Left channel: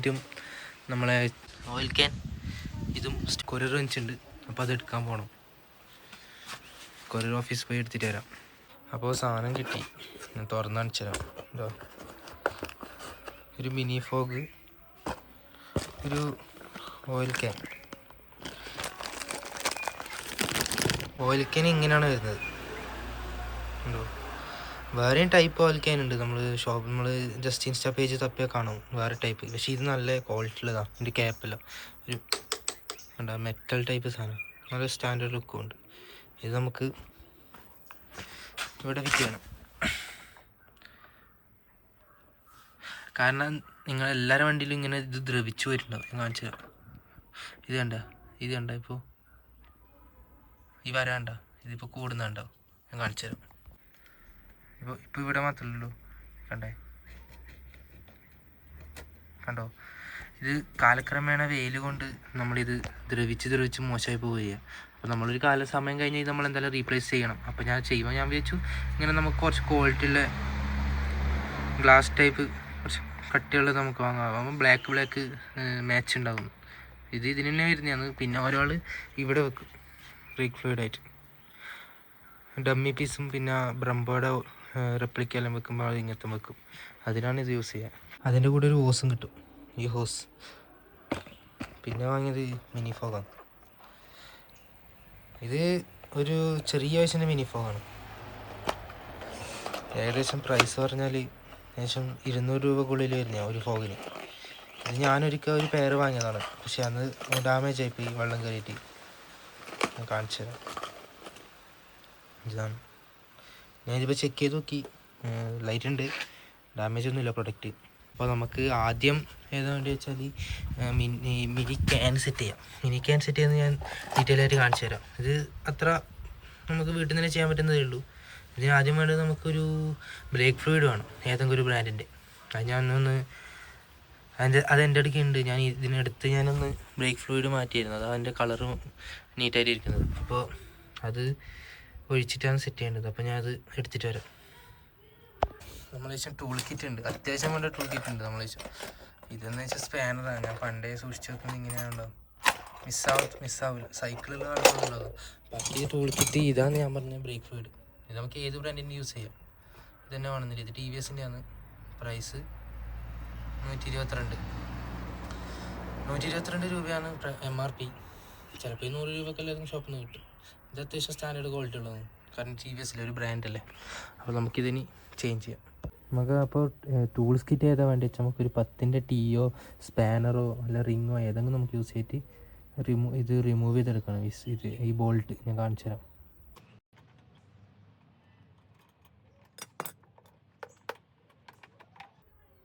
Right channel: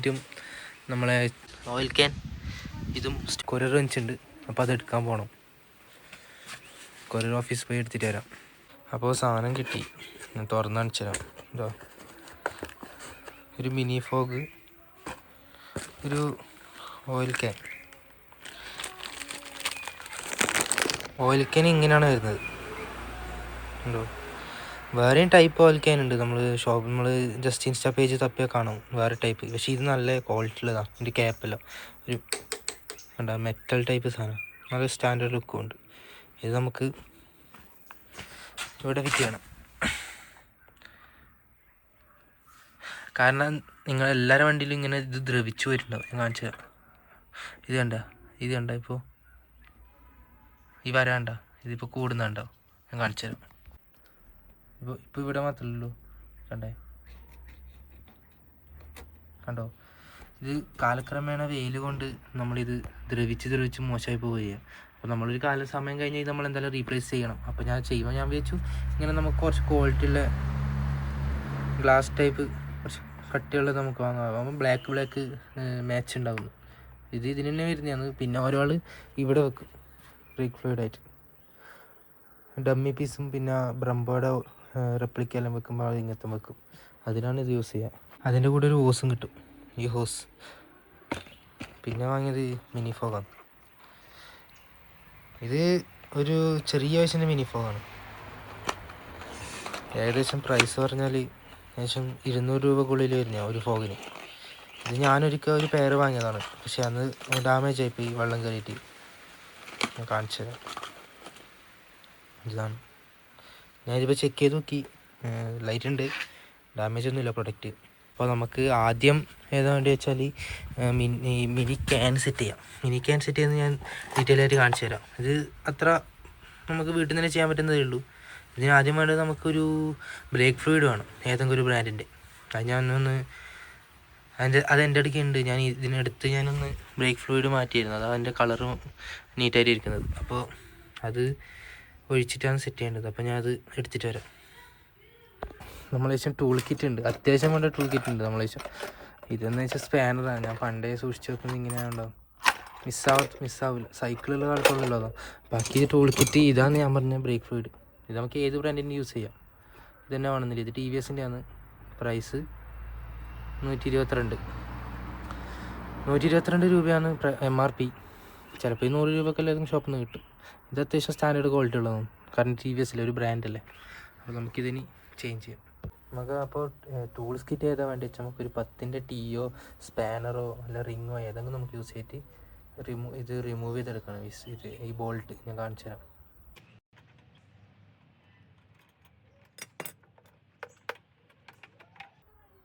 ആയിട്ടും നമ്മളെ oil can ഇതും കൊറിയർ വെച്ചിട്ടുണ്ട്. അപ്പോൾ അതെടുക്കാൻ പോകണം. കൊറിയർ ഓഫീസ് പോയി എടുത്തിട്ട് വരാം. അപ്പോൾ സാധനം കിട്ടി, ഞാൻ തുറന്ന് കാണിച്ചു തരാം. എന്താ ഒരു മിനി ഫോഗ്, ഒരു ഓയിൽ ക്യാൻ. ഓയിൽ ക്യാൻ ഇങ്ങനെയാണ് വരുന്നത്, ഉണ്ടോ? വേറെയും ടൈപ്പ് ഓയിൽ ക്യാൻ ഉണ്ട്. നമ്മൾ ജസ്റ്റ് ഇൻസ്റ്റാ പേജ് തപ്പിയാൽ കാണും വേറെ ടൈപ്പ്. പക്ഷേ ഇത് നല്ല ക്വാളിറ്റി ഉള്ളതാണ്. ഇതിൻ്റെ ക്യാപ്പല്ല, ഒരു എന്താ മെറ്റൽ ടൈപ്പ് സാധനം, നല്ല സ്റ്റാൻഡേർഡ് ലുക്കും ഉണ്ട്. ഇത് നമുക്ക് ഇവിടെ ഫിറ്റ് ചെയ്യണം. കാരണം നിങ്ങളെല്ലാവരുടെ വണ്ടിയിലും ഇങ്ങനെ ഇത് ദ്രവിച്ചു വരുന്നുണ്ടാവും. ഞാൻ കാണിച്ചു തരാം. ഇത് കണ്ട ഇപ്പോൾ ഈ വരാണ്ട, ഇതിപ്പോൾ കൂടുന്നുണ്ടാവും. ഞാൻ കാണിച്ചു തരാം. ഇപ്പോൾ ഇവിടെ മാത്രമല്ലല്ലോ, കണ്ടോ? ഇത് കാലക്രമേണ വെയിൽ കൊണ്ട് നമ്മളിത് ദ്രവിച്ച് മോശമായി പോവുക. അപ്പോൾ നമ്മളൊരു സമയം കഴിഞ്ഞാൽ നമ്മൾ എന്തായാലും റീപ്ലേസ് ചെയ്യണം. അപ്പോൾ ഞാൻ വിചാരിച്ചു ഇങ്ങനെ നമുക്ക് കുറച്ച് ക്വാളിറ്റി ഉള്ള ഗ്ലാസ് ടൈപ്പ് കുറച്ച് കട്ടിയുള്ള നമുക്ക് വാങ്ങാം. അപ്പം ബ്ലാക്ക് മാച്ച് ഉണ്ടാകുന്നു. ഇതിന് തന്നെ വരുന്നതാണ്. പിന്നെ ഒരാൾ ഇവിടെ വെക്കും ബ്രേക്ക് ഫ്ലൂയിഡായിട്ട്, ഡമ്മി പീസും പിന്നെ ബ്രംബോയുടെ റെപ്ലിക്കെല്ലാം വെക്കുമ്പോൾ അത് ഇങ്ങനത്തെ വെക്കും. അതിനാണ് ഇത് യൂസ് ചെയ്യുക. അതിൻ്റെ കൂടെ ഒരു ഹോസും കിട്ടും, ഈ ഹോസ്. പിന്നെ വാങ്ങിയത് മിനി ഫോഗാണ്. ഇത് ഒരു ചെറിയ വയസ്സിൻ്റെ മിനി ഫോഗാണ്. ഏകദേശം പ്രൈസ് പറഞ്ഞാൽ ഏകദേശം 200 രൂപക്കുള്ളിൽ വരുന്ന ഒരു ഫോഗിന്. ഇത് ഞാനൊരിക്കൽ ഒരു പെയർ വാങ്ങിയതാണ്, പക്ഷെ അന്ന് ഡാമേജ് ആയിപ്പോയി വെള്ളം കയറിയിട്ട്. ഞാൻ കാണിച്ചു തരാം. ഇതാണ്, ഞാനിതിപ്പോൾ ചെക്ക് ചെയ്ത് നോക്കി, ലൈറ്റ് ഉണ്ട്, ഡാമേജ് ഒന്നുമില്ല പ്രൊഡക്റ്റ്. അപ്പോൾ നമുക്ക് ആദ്യം ഏതാ വേണ്ടി വെച്ചാൽ മിനി ക്യാൻ സെറ്റ് ചെയ്യാം. മിനി ക്യാൻ സെറ്റ് ചെയ്യുന്നത് ഞാൻ ഡീറ്റെയിൽ ആയിട്ട് കാണിച്ചു തരാം. ഇത് അത്ര നമുക്ക് വീട്ടിൽ നിന്ന് തന്നെ ചെയ്യാൻ പറ്റുന്നതേ ഉള്ളൂ. ഇതിന് ആദ്യം വേണ്ടത് നമുക്കൊരു ബ്രേക്ക് ഫ്ലൂയിഡ് വേണം, ഏതെങ്കിലും ഒരു ബ്രാൻഡിൻ്റെ. അത് ഞാനൊന്ന് അതെൻ്റെ അടുക്ക് ഉണ്ട്. ഞാനൊന്ന് ബ്രേക്ക് ഫ്ലൂയിഡ് മാറ്റിയിരുന്നു. അത് അതിൻ്റെ കളറും നീറ്റായിട്ട് ഇരിക്കുന്നത്. അപ്പോൾ അത് ഒഴിച്ചിട്ടാണ് സെറ്റ് ചെയ്യേണ്ടത്. അപ്പോൾ ഞാൻ അത് എടുത്തിട്ട് വരാം. നമ്മളേശം ടൂൾ കിറ്റ് ഉണ്ട്, അത്യാവശ്യം വേണ്ട ടൂൾ കിറ്റ് ഉണ്ട് നമ്മളേശം. ഇതെന്ന് വെച്ചാൽ സ്പാനറാണ്. ഞാൻ പണ്ടേ സൂക്ഷിച്ച് വെക്കുന്നത് ഇങ്ങനെയാണുണ്ടാവും, മിസ്സാവില്ല. സൈക്കിളുള്ള കാലത്തുള്ളതോ. ബാക്കി ടൂൾ കിറ്റ് ഇതാണ് ഞാൻ പറഞ്ഞ ബ്രേക്ക് ഫ്ലൂയിഡ്. ഇത് നമുക്ക് ഏത് ബ്രാൻഡിൻ്റെ യൂസ് ചെയ്യാം. ഇത് തന്നെ വേണമെന്നില്ല. ഇത് TVSൻ്റെ ആണ്. പ്രൈസ് 122 രൂപയാണ് MRP. ചിലപ്പോൾ 100 രൂപയ്ക്ക് എല്ലാവർക്കും ഷോപ്പിൽ നിന്ന് കിട്ടും. ഇത് അത്യാവശ്യം സ്റ്റാൻഡേർഡ് ക്വാളിറ്റി ഉള്ളതാണ്, കാരണം TVSലെ ഒരു ബ്രാൻഡല്ലേ. അപ്പോൾ നമുക്കിതിനി ചേഞ്ച് ചെയ്യാം. നമുക്ക് അപ്പോൾ ടൂൾസ് കിറ്റ് ഏതാ വേണ്ടി വെച്ചാൽ നമുക്കൊരു 10ൻ്റെ ടീയോ സ്പാനറോ അല്ല റിങ്ങോ ഏതെങ്കിലും നമുക്ക് യൂസ് ചെയ്തിട്ട് ഇത് റിമൂവ് ചെയ്തെടുക്കണം. ഈ ബോൾട്ട് ഞാൻ കാണിച്ചു തരാം.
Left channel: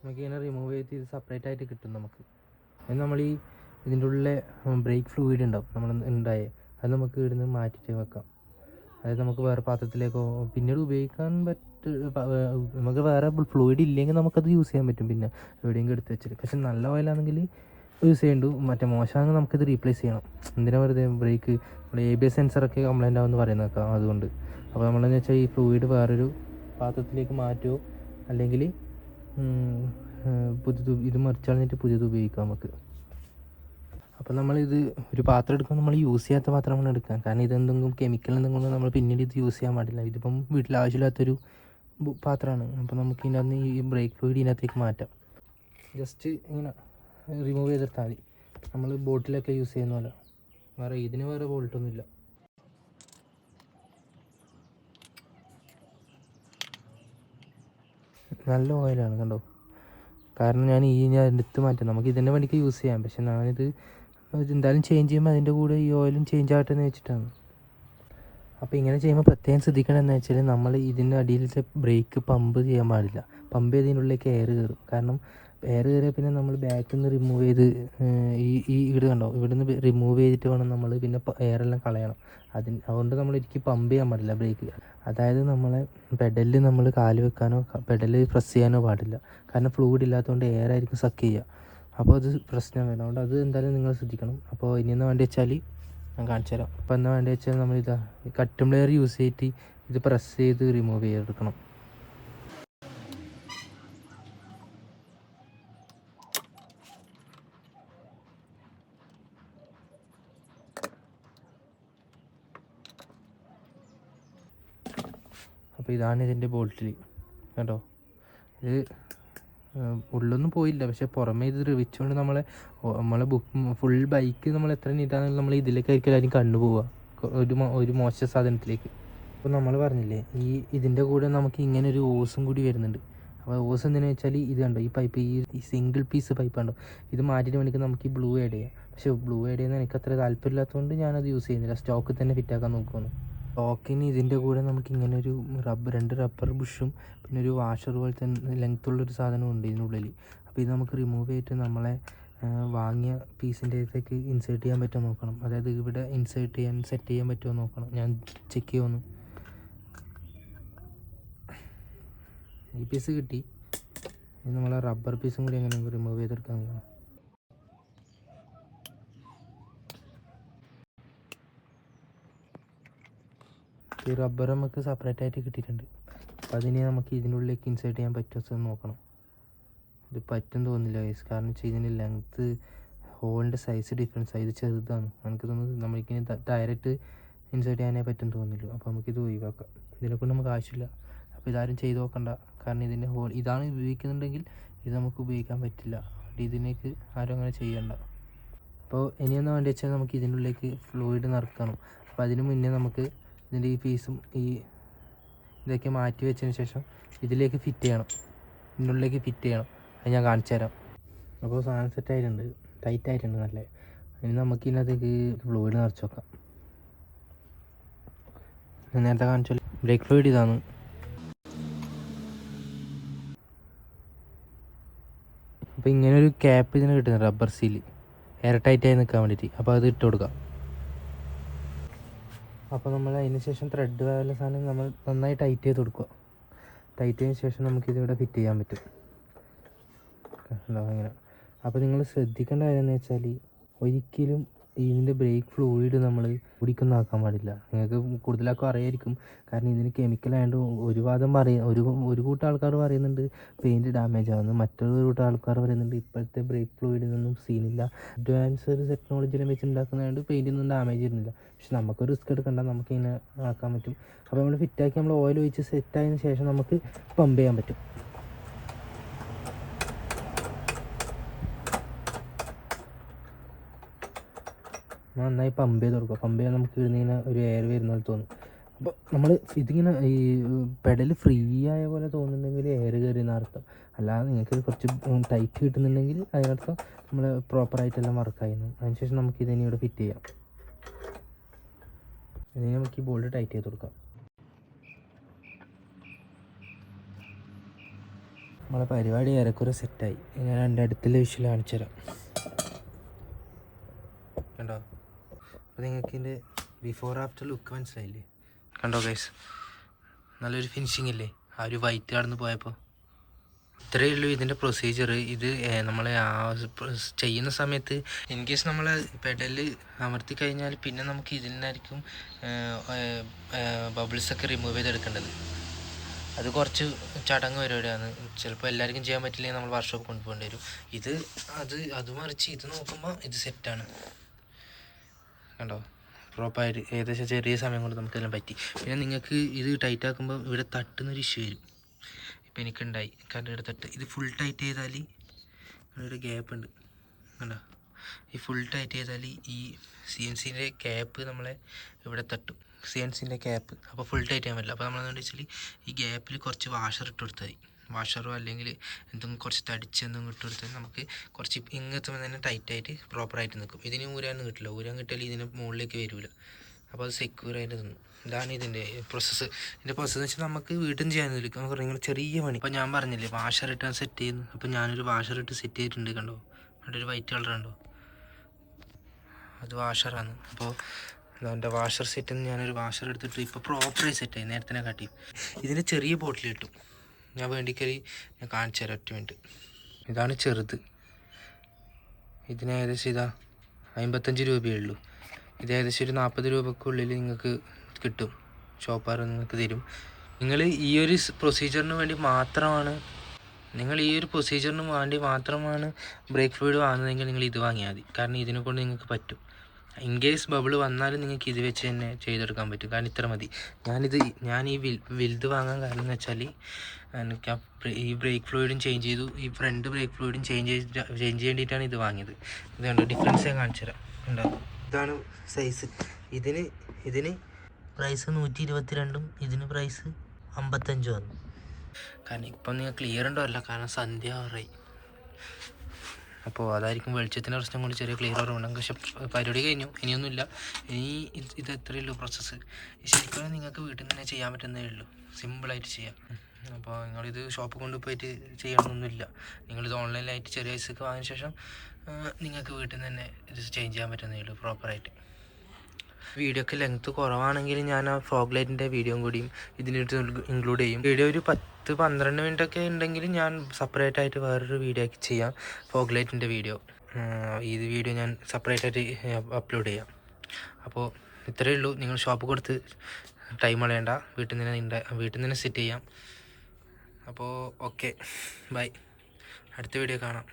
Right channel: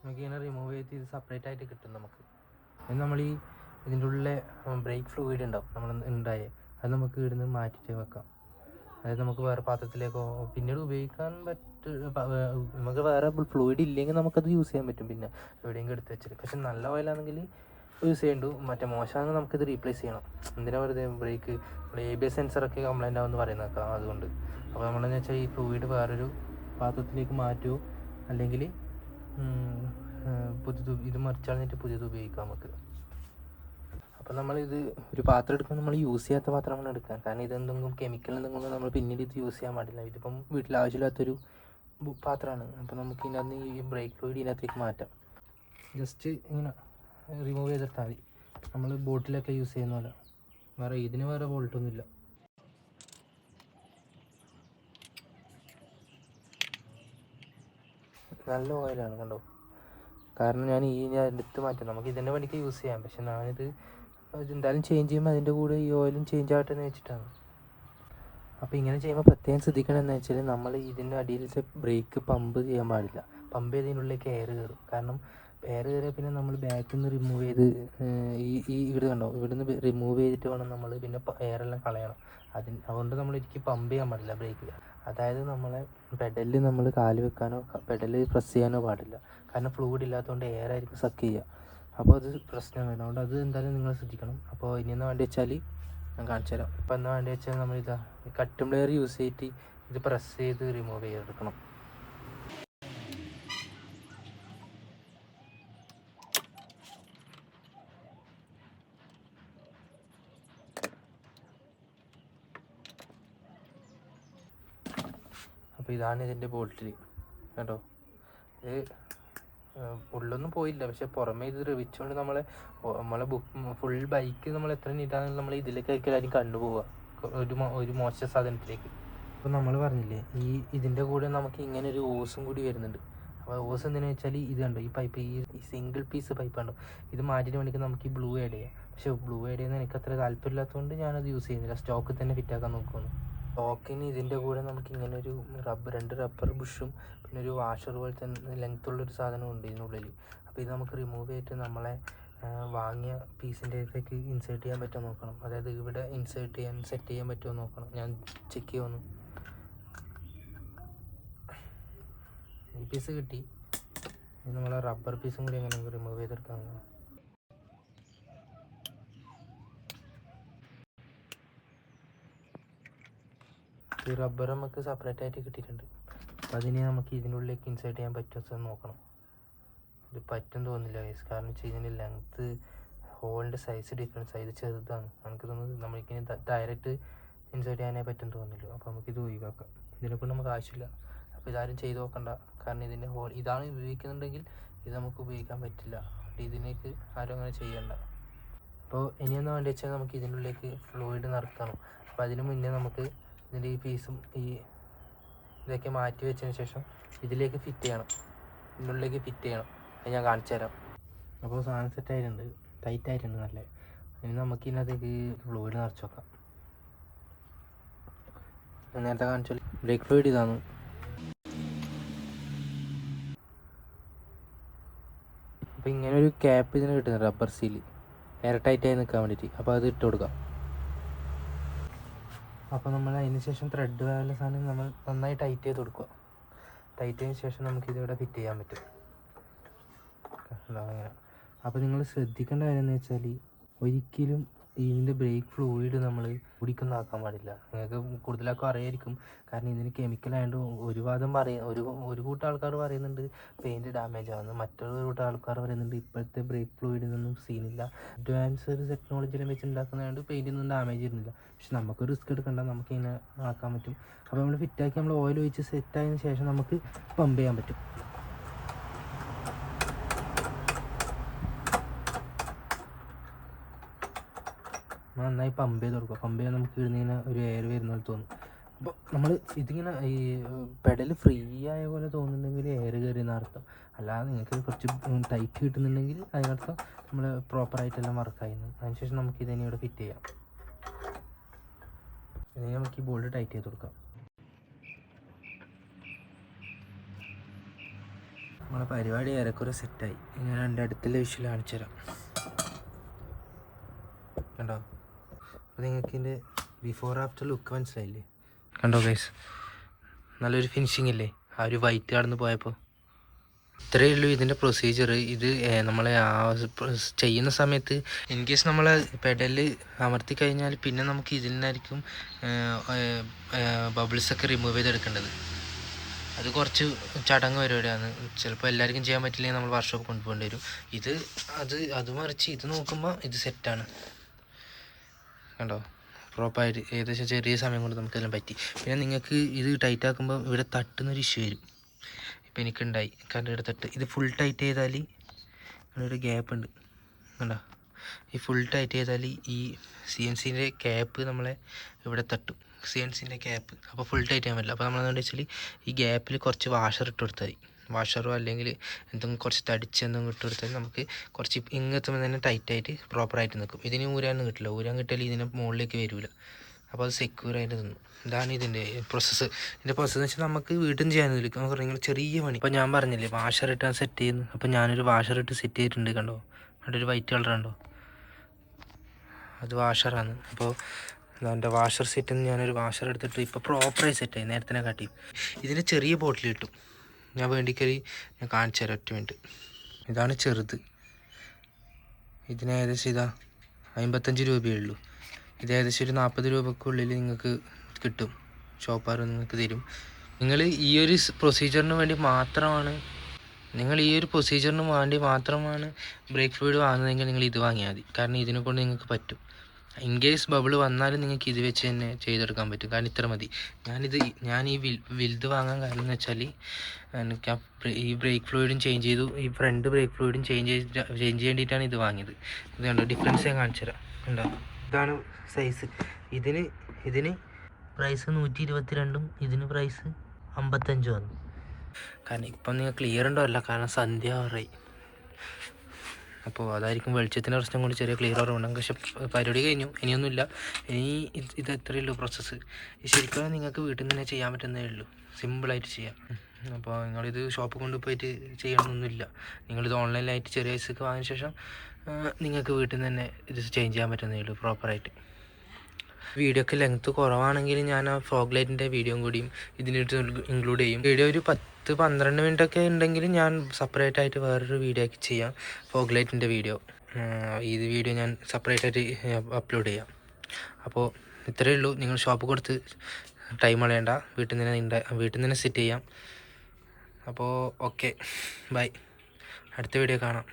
നമുക്കിങ്ങനെ റിമൂവ് ചെയ്ത് ഇത് സെപ്പറേറ്റ് ആയിട്ട് കിട്ടും നമുക്ക്. അത് നമ്മൾ ഇതിൻ്റെ ഉള്ളിലെ ബ്രേക്ക് ഫ്ലൂയിഡ് ഉണ്ടാവും നമ്മൾ അത് നമുക്ക് ഇവിടുന്ന് മാറ്റിയിട്ട് വെക്കാം. അതായത് നമുക്ക് വേറെ പാത്രത്തിലേക്കോ പിന്നീട് ഉപയോഗിക്കാൻ നമുക്ക് വേറെ ഫ്ലൂയിഡ് ഇല്ലെങ്കിൽ നമുക്കത് യൂസ് ചെയ്യാൻ പറ്റും. പിന്നെ എവിടെയെങ്കിലും എടുത്ത് വെച്ചിട്ട്. പക്ഷെ നല്ല ഓയിലാണെങ്കിൽ യൂസ് ചെയ്യണ്ടു. മറ്റേ മോശമാണെങ്കിൽ നമുക്കിത് റീപ്ലേസ് ചെയ്യണം. എന്തിനാ വെറുതെ ബ്രേക്ക് ABS സെൻസറൊക്കെ കംപ്ലൈൻ്റ് ആവുമെന്ന് പറയുന്നേക്കാം, അതുകൊണ്ട്. അപ്പോൾ നമ്മളെന്ന് വെച്ചാൽ ഈ ഫ്ലൂയിഡ് വേറൊരു പാത്രത്തിലേക്ക് മാറ്റുമോ അല്ലെങ്കിൽ ഇത് മറിച്ച് കളഞ്ഞിട്ട് പുതിയത് ഉപയോഗിക്കാം നമുക്ക്. അപ്പോൾ നമ്മളിത് ഒരു പാത്രം എടുക്കുമ്പോൾ നമ്മൾ യൂസ് ചെയ്യാത്ത പാത്രമാണ് എടുക്കാൻ. കാരണം ഇതെന്തെങ്കിലും കെമിക്കൽ എന്തെങ്കിലും നമ്മൾ പിന്നീട് ഇത് യൂസ് ചെയ്യാൻ പാടില്ല. ഇതിപ്പം വീട്ടിൽ ആവശ്യമില്ലാത്തൊരു പാത്രമാണ്. അപ്പോൾ നമുക്ക് ഇതിനകത്ത് ഈ ബ്രേക്ക് ഫ്ലൂയിഡ് ഇതിനകത്തേക്ക് മാറ്റാം. ജസ്റ്റ് ഇങ്ങനെ റിമൂവ് ചെയ്തെടുത്താൽ മതി. നമ്മൾ ബോട്ടിലൊക്കെ യൂസ് ചെയ്യുന്ന പോലെ. ഇതിന് വേറെ ബോൾട്ടൊന്നുമില്ല. നല്ല ഓയിലാണ്, കണ്ടോ? കാരണം ഞാൻ എടുത്ത് മാറ്റാം. നമുക്ക് ഇതിൻ്റെ വേണ്ടിക്ക് യൂസ് ചെയ്യാം. പക്ഷെ ഞാനിത് എന്തായാലും ചേഞ്ച് ചെയ്യുമ്പോൾ അതിൻ്റെ കൂടെ ഈ ഓയിലും ചേഞ്ച് ആകട്ടെ എന്ന് വെച്ചിട്ടാണ്. അപ്പോൾ ഇങ്ങനെ ചെയ്യുമ്പോൾ പ്രത്യേകം ശ്രദ്ധിക്കണം എന്ന് വെച്ചാൽ നമ്മൾ ഇതിൻ്റെ അടിയിലത്തെ ബ്രേക്ക് പമ്പ് ചെയ്യാൻ പാടില്ല. പമ്പ് ചെയ്തതിനുള്ളിലേക്ക് എയർ കയറും. കാരണം എയർ കയറിയാൽ പിന്നെ നമ്മൾ ബാക്കിൽ നിന്ന് റിമൂവ് ചെയ്ത് ഇവിടെ കണ്ടോ, ഇവിടുന്ന് റിമൂവ് ചെയ്തിട്ട് വേണം നമ്മൾ പിന്നെ എയറെല്ലാം കളയണം. അതുകൊണ്ട് നമ്മൾ എനിക്ക് പമ്പ് ചെയ്യാൻ പാടില്ല ബ്രേക്ക്. അതായത് നമ്മളെ പെഡലിൽ നമ്മൾ കാല് വെക്കാനോ പെഡലിൽ പ്രസ് ചെയ്യാനോ പാടില്ല. കാരണം ഫ്ലൂയിഡ് ഇല്ലാത്തതുകൊണ്ട് എയർ ആയിരിക്കും സക്ക് ചെയ്യുക. അപ്പോൾ അത് പ്രശ്നം വരും. അതുകൊണ്ട് അത് എന്തായാലും നിങ്ങൾ ശ്രദ്ധിക്കണം. അപ്പോൾ ഇനി എന്ന് വേണ്ടി വെച്ചാൽ ഞാൻ കാണിച്ചു തരാം. അപ്പോൾ എന്താ വേണ്ടി വെച്ചാൽ നമ്മൾ ഈ കട്ടും പ്ലെയർ യൂസ് ചെയ്തിട്ട് ഇത് പ്രസ് ചെയ്ത് റിമൂവ് ചെയ്തെടുക്കണം. അപ്പോൾ ഇതാണ് ഇതിൻ്റെ ബോൾട്ടിൽ കേട്ടോ. ഇത് ഉള്ളൊന്നും പോയില്ല, പക്ഷെ പുറമേ ഇത് റിവിച്ചുകൊണ്ട് നമ്മളെ ഫുൾ ബൈക്ക് നമ്മൾ എത്ര നീട്ടാണെങ്കിലും നമ്മൾ ഇതിലേക്ക് ആയിരിക്കും കണ്ണു പോവുക ഒരു മോശം സാധനത്തിലേക്ക്. അപ്പോൾ നമ്മൾ പറഞ്ഞില്ലേ ഇതിൻ്റെ കൂടെ നമുക്ക് ഇങ്ങനെ ഒരു ഓസും കൂടി വരുന്നുണ്ട്. അപ്പോൾ ഓസ് എന്തിനാ വെച്ചാൽ ഇത് കണ്ടോ, ഈ പൈപ്പ് ഈ സിംഗിൾ പീസ് പൈപ്പ് ഉണ്ടോ, ഇത് മാറ്റിയിട്ട് വേണമെങ്കിൽ നമുക്ക് ഈ ബ്ലൂ ആഡ് ചെയ്യാം. പക്ഷേ ബ്ലൂ ആഡ് ചെയ്യുന്നത് എനിക്ക് അത്ര താല്പര്യമില്ലാത്തതുകൊണ്ട് ഞാനത് യൂസ് ചെയ്യുന്നില്ല, സ്റ്റോക്കിൽ തന്നെ ഫിറ്റാക്കാൻ നോക്കുകയാണ്. സ്റ്റോക്കിന് ഇതിൻ്റെ കൂടെ നമുക്ക് ഇങ്ങനെ ഒരു 2 റബ്ബർ ബുഷും പിന്നെ ഒരു വാഷർ പോലെ തന്നെ ലെങ്ത്തുള്ളൊരു സാധനമുണ്ട് ഇതിനുള്ളിൽ. അപ്പോൾ ഇത് നമുക്ക് റിമൂവ് ചെയ്തിട്ട് നമ്മളെ വാങ്ങിയ പീസിൻ്റെ അകത്തേക്ക് ഇൻസേർട്ട് ചെയ്യാൻ പറ്റുമോ നോക്കണം. അതായത് ഇവിടെ സെറ്റ് ചെയ്യാൻ പറ്റുമോ നോക്കണം. ഞാൻ ചെക്ക് ചെയ്യുന്നു. ഈ പീസ് കിട്ടി. ഇനി നമ്മൾ റബ്ബർ പീസും കൂടി എങ്ങനെ റിമൂവ് ചെയ്തെടുക്കാൻ. ഈ റബ്ബർ നമുക്ക് സെപ്പറേറ്റ് ആയിട്ട് കിട്ടിയിട്ടുണ്ട്. അപ്പോൾ അതിന് നമുക്ക് ഇതിനുള്ളിലേക്ക് ഇൻസേർട്ട് ചെയ്യാൻ പറ്റുമോ നോക്കണം. ഇത് പറ്റും തോന്നുന്നില്ല ഗൈസ്, കാരണം വെച്ചാൽ ഇതിൻ്റെ ലെങ്ത്ത് ഹോളിൻ്റെ സൈസ് ഡിഫറൻസ് ഇത് ചെറുതാണ്. നമുക്ക് തോന്നുന്നത് നമ്മൾക്കിനി ഡയറക്റ്റ് ഇൻസേർട്ട് ചെയ്യാനേ പറ്റും തോന്നുന്നില്ല. അപ്പോൾ നമുക്കിത് ഒഴിവാക്കാം, ഇതിനെക്കൊണ്ട് നമുക്ക് ആവശ്യമില്ല. അപ്പോൾ ഇതാരും ചെയ്ത് നോക്കണ്ട, കാരണം ഇതിൻ്റെ ഹോൾ ഇതാണ് ഉപയോഗിക്കുന്നുണ്ടെങ്കിൽ ഇത് നമുക്ക് ഉപയോഗിക്കാൻ പറ്റില്ല. ഇതിനേക്ക് ആരും അങ്ങനെ ചെയ്യണ്ട. അപ്പോൾ ഇനിയൊന്നും വേണ്ടി വെച്ചാൽ നമുക്ക് ഇതിനുള്ളിലേക്ക് ഫ്ലൂയിഡ് നിറക്കണം. അപ്പോൾ അതിന് മുന്നേ നമുക്ക് ഇതിൻ്റെ ഈ പീസും ഇതൊക്കെ മാറ്റി വെച്ചതിന് ശേഷം ഇതിലേക്ക് ഫിറ്റ് ചെയ്യണം, ഇതിനുള്ളിലേക്ക് ഫിറ്റ് ചെയ്യണം. അത് ഞാൻ കാണിച്ചു തരാം. അപ്പോൾ സാധനം സെറ്റായിട്ടുണ്ട്, ടൈറ്റ് ആയിട്ടുണ്ട് നല്ല. ഇനി നമുക്ക് ഇതിനകത്തേക്ക് ഫ്ലൂയിഡ് നിറച്ച് വെക്കാം. നേരത്തെ കാണിച്ചാൽ ബ്രേക്ക് ഫ്ലൂയിഡ് ഇതാണ്. അപ്പോൾ ഇങ്ങനൊരു ക്യാപ്പ് ഇതിന് കിട്ടുന്നത്, റബ്ബർ സീൽ എയർ ടൈറ്റായി നിൽക്കാൻ വേണ്ടിയിട്ട്. അപ്പോൾ അത് ഇട്ട് കൊടുക്കാം. അപ്പോൾ നമ്മൾ അതിന് ശേഷം ത്രെഡ് പോലുള്ള സാധനം നമ്മൾ നന്നായി ടൈറ്റ് ചെയ്ത് കൊടുക്കുക. ടൈറ്റ് ചെയ്തതിന് ശേഷം നമുക്കിതിവിടെ ഫിറ്റ് ചെയ്യാൻ പറ്റും. അങ്ങനെ. അപ്പോൾ നിങ്ങൾ ശ്രദ്ധിക്കേണ്ട കാര്യം എന്ന് വെച്ചാൽ ഒരിക്കലും ഇതിൻ്റെ ബ്രേക്ക് ഫ്ലൂയിഡ് നമ്മൾ കുടിക്കൊന്നാക്കാൻ പാടില്ല. നിങ്ങൾക്ക് കൂടുതലൊക്കെ അറിയായിരിക്കും, കാരണം ഇതിന് കെമിക്കലായതുകൊണ്ട് ഒരു കൂട്ടം ആൾക്കാർ പറയുന്നുണ്ട് പെയിൻറ്റ് ഡാമേജ് ആവുന്നു, മറ്റൊരു കൂട്ടം ആൾക്കാർ പറയുന്നുണ്ട് ഇപ്പോഴത്തെ ബ്രേക്ക് ഫ്ലൂയിഡിനൊന്നും സീനില്ല, അഡ്വാൻസ്ഡ് ടെക്നോളജിയിലും വെച്ച് ഉണ്ടാക്കുന്നതുകൊണ്ട് പെയിൻറ്റിനൊന്നും ഡാമേജ് വരുന്നില്ല. പക്ഷെ നമുക്ക് റിസ്ക് എടുക്കണ്ട, നമുക്കിങ്ങനെ ആക്കാൻ പറ്റും. അപ്പോൾ നമ്മൾ ഫിറ്റാക്കി നമ്മൾ ഓയിൽ ഒഴിച്ച് സെറ്റായതിനു ശേഷം നമുക്ക് പമ്പ് ചെയ്യാൻ പറ്റും. നന്നായി പമ്പ് ചെയ്ത് കൊടുക്കുക. പമ്പ് ചെയ്യാൻ നമുക്ക് ഇങ്ങനെ ഒരു എയർ വരുന്ന പോലെ തോന്നും. അപ്പോൾ നമ്മൾ ഇതിങ്ങനെ ഈ പെഡൽ ഫ്രീ ആയ പോലെ തോന്നുന്നുണ്ടെങ്കിൽ എയർ കയറിയെന്ന് അർത്ഥം. അല്ലാതെ നിങ്ങൾക്ക് കുറച്ച് ടൈറ്റ് കിട്ടുന്നുണ്ടെങ്കിൽ അതിനർത്ഥം നമ്മൾ പ്രോപ്പറായിട്ടെല്ലാം വർക്കായിരുന്നു. അതിനുശേഷം നമുക്ക് ഇതിനെ ഇവിടെ ഫിറ്റ് ചെയ്യാം. ഇനി നമുക്ക് ഈ ബോൾട്ട് ടൈറ്റ് ചെയ്ത് കൊടുക്കാം. നമ്മളെ പരിപാടി ഏറെക്കുറെ സെറ്റായി. ഞാൻ അടുത്തുള്ള വിഷ്വൽ കാണിച്ചു തരാം. കണ്ടോ? അപ്പോൾ നിങ്ങൾക്ക് ഇതിൻ്റെ ബിഫോർ ആഫ്റ്റർ ലുക്ക് മനസ്സിലായില്ലേ? കണ്ടോ ഗൈസ്, നല്ലൊരു ഫിനിഷിംഗ് ഇല്ലേ ആ ഒരു വൈറ്റ് കടന്ന് പോയപ്പോൾ? ഇത്രയേ ഉള്ളൂ ഇതിൻ്റെ പ്രൊസീജിയർ. ഇത് നമ്മളെ ചെയ്യുന്ന സമയത്ത് ഇൻ കേസ് നമ്മൾ പെഡല് അമർത്തി കഴിഞ്ഞാൽ പിന്നെ നമുക്ക് ഇതിനായിരിക്കും ബബിൾസൊക്കെ റിമൂവ് ചെയ്തെടുക്കേണ്ടത്. അത് കുറച്ച് ചടങ്ങ് പരിപാടിയാണ്. ചിലപ്പോൾ എല്ലാവർക്കും ചെയ്യാൻ പറ്റില്ലെങ്കിൽ നമ്മൾ വർക്ക്ഷോപ്പ് കൊണ്ടുപോകേണ്ടി വരും. അത് മറിച്ച് ഇത് നോക്കുമ്പോൾ ഇത് സെറ്റാണ്. കണ്ടോ? പ്രോപ്പറായിട്ട് ഏകദേശം ചെറിയ സമയം കൊണ്ട് നമുക്കെല്ലാം പറ്റി. പിന്നെ നിങ്ങൾക്ക് ഇത് ടൈറ്റ് ആക്കുമ്പോൾ ഇവിടെ തട്ടുന്നൊരു ഇഷ്യൂ വരും. ഇപ്പോൾ എനിക്കുണ്ടായി, കാരണം ഇവിടെ തട്ട് ഇത് ഫുൾ ടൈറ്റ് ചെയ്താൽ ഒരു ഗ്യാപ്പ് ഉണ്ട്. കണ്ടോ? ഈ ഫുൾ ടൈറ്റ് ചെയ്താൽ ഈ CNCൻ്റെ ക്യാപ്പ് നമ്മളെ ഇവിടെ തട്ടും, CNCൻ്റെ ക്യാപ്പ്. അപ്പോൾ ഫുൾ ടൈറ്റ് ചെയ്യാൻ പറ്റില്ല. അപ്പോൾ നമ്മളെന്താ വെച്ചാൽ ഈ ഗ്യാപ്പിൽ കുറച്ച് വാഷർ ഇട്ട് കൊടുത്താൽ മതി. വാഷറോ അല്ലെങ്കിൽ എന്തെങ്കിലും കുറച്ച് തടിച്ച് എന്തെങ്കിലും ഇട്ട് കൊടുത്താൽ നമുക്ക് കുറച്ച് ഇങ്ങെത്തുമ്പോൾ തന്നെ ടൈറ്റായിട്ട് പ്രോപ്പറായിട്ട് നിൽക്കും. ഇതിന് ഊരാനൊന്നും കിട്ടില്ല. ഊരാൻ കിട്ടിയാൽ ഇതിന് മുകളിലേക്ക് വരില്ല. അപ്പോൾ അത് സെക്യൂറായിട്ട് നിന്നു. ഇതാണ് ഇതിൻ്റെ പ്രോസസ്സ്. ഇതിൻ്റെ പ്രോസസ്സ് എന്ന് വെച്ചാൽ നമുക്ക് വീട്ടിൽ ചെയ്യാനൊന്നുമില്ല, നമുക്ക് നിങ്ങൾ ചെറിയ പണി. അപ്പോൾ ഞാൻ പറഞ്ഞില്ലേ വാഷർ ഇട്ടാണ് സെറ്റ് ചെയ്യുന്നത്. അപ്പോൾ ഞാനൊരു വാഷർ ഇട്ട് സെറ്റ് ചെയ്തിട്ടുണ്ട്. കണ്ടോ? അവിടെ ഒരു വൈറ്റ് കളർ ഉണ്ടോ? അത് വാഷറാണ്. അപ്പോൾ എൻ്റെ വാഷർ സെറ്റിൽ നിന്ന് ഞാനൊരു വാഷർ എടുത്തിട്ട് ഇപ്പോൾ പ്രോപ്പറായി സെറ്റായി, നേരത്തെ കാട്ടി. ഇതിന് ചെറിയ ബോട്ടിൽ കിട്ടും. ഞാൻ വേണ്ടിക്കറി ഞാൻ കാണിച്ചു തരാം, ഒറ്റ മിനിറ്റ്. ഇതാണ് ചെറുത്. ഇതിന് ഏകദേശം 55 രൂപയേ ഉള്ളൂ. ഇത് ഏകദേശം ഒരു 40 രൂപക്കുള്ളിൽ നിങ്ങൾക്ക് കിട്ടും. ഷോപ്പാർ നിങ്ങൾക്ക് തരും. നിങ്ങൾ ഈ ഒരു പ്രൊസീജിയറിന് വേണ്ടി മാത്രമാണ് ബ്രേക്ക് ഫ്ലൂയിഡ് വാങ്ങുന്നതെങ്കിൽ നിങ്ങൾ ഇത് വാങ്ങിയാൽ മതി. കാരണം ഇതിനെ കൊണ്ട് നിങ്ങൾക്ക് പറ്റും. ഇൻ കേസ് ബബിൾ വന്നാലും നിങ്ങൾക്ക് ഇത് വെച്ച് തന്നെ ചെയ്തെടുക്കാൻ പറ്റും. കാരണം ഇത്ര മതി. ഞാൻ ഈ വലുത് വാങ്ങാൻ കാരണം എന്ന് വെച്ചാൽ എനിക്ക് ഈ ബ്രേക്ക് ഫ്ലൂയിഡും ചേഞ്ച് ചെയ്തു, ഈ ഫ്രണ്ട് ബ്രേക്ക് ഫ്ലൂയിഡും ചേഞ്ച് ചെയ്യേണ്ടിയിട്ടാണ് ഇത് വാങ്ങിയത്. ഇത് കണ്ടോ, ഡിഫറൻസ് ഞാൻ കാണിച്ചു തരാം. ഉണ്ടോ, ഇതാണ് സൈസ്. ഇതിന് പ്രൈസ് 122, ഇതിന് പ്രൈസ് 55 വന്നു. കാരണം ഇപ്പം നിങ്ങൾ ക്ലിയർ ഉണ്ടോ അല്ല, കാരണം സന്ധ്യ ആറായി. അപ്പോൾ അതായിരിക്കും വെളിച്ചത്തിൻ്റെ പ്രശ്നം കൊണ്ട് ചെറിയ ക്ലിയർ കുറവുണ്ടാകും. പക്ഷെ പരിപാടി കഴിഞ്ഞു, ഇനിയൊന്നുമില്ല. ഇനി ഇത് എത്രയേ ഉള്ളൂ പ്രോസസ്സ്. ശരിക്കും നിങ്ങൾക്ക് വീട്ടിൽ നിന്ന് തന്നെ ചെയ്യാൻ പറ്റുന്നതേ ഉള്ളൂ, സിമ്പിളായിട്ട് ചെയ്യാം. അപ്പോൾ നിങ്ങളിത് ഷോപ്പിൽ കൊണ്ടുപോയിട്ട് ചെയ്യണമെന്നൊന്നുമില്ല. നിങ്ങളിത് ഓൺലൈനിലായിട്ട് ചെറിയ പൈസക്ക് വാങ്ങിയ ശേഷം നിങ്ങൾക്ക് വീട്ടിൽ നിന്ന് തന്നെ ഇത് ചേഞ്ച് ചെയ്യാൻ പറ്റുന്നതേ ഉള്ളൂ പ്രോപ്പറായിട്ട്. വീഡിയോക്ക് ലെങ്ത്ത് കുറവാണെങ്കിൽ ഞാൻ ആ ഫോഗ് ലൈറ്റിൻ്റെ വീഡിയോയും കൂടിയും ഇതിനടുത്ത് ഇൻക്ലൂഡ് ചെയ്യും. വീഡിയോ ഒരു 10-12 മിനിറ്റൊക്കെ ഉണ്ടെങ്കിൽ ഞാൻ സെപ്പറേറ്റ് ആയിട്ട് വേറൊരു വീഡിയോ ആക്കി ചെയ്യാം, ഫോഗ് ലൈറ്റിൻ്റെ വീഡിയോ. ഈ വീഡിയോ ഞാൻ സെപ്പറേറ്റ് ആയിട്ട് അപ്ലോഡ് ചെയ്യാം. അപ്പോൾ ഇത്രയേ ഉള്ളൂ. നിങ്ങൾ ഷോപ്പ് കൊടുത്ത് ടൈം കളയണ്ട, വീട്ടിൽ നിന്ന് തന്നെ സെറ്റ് ചെയ്യാം. അപ്പോൾ ഓക്കെ, ബൈ, അടുത്ത വീഡിയോ കാണാം.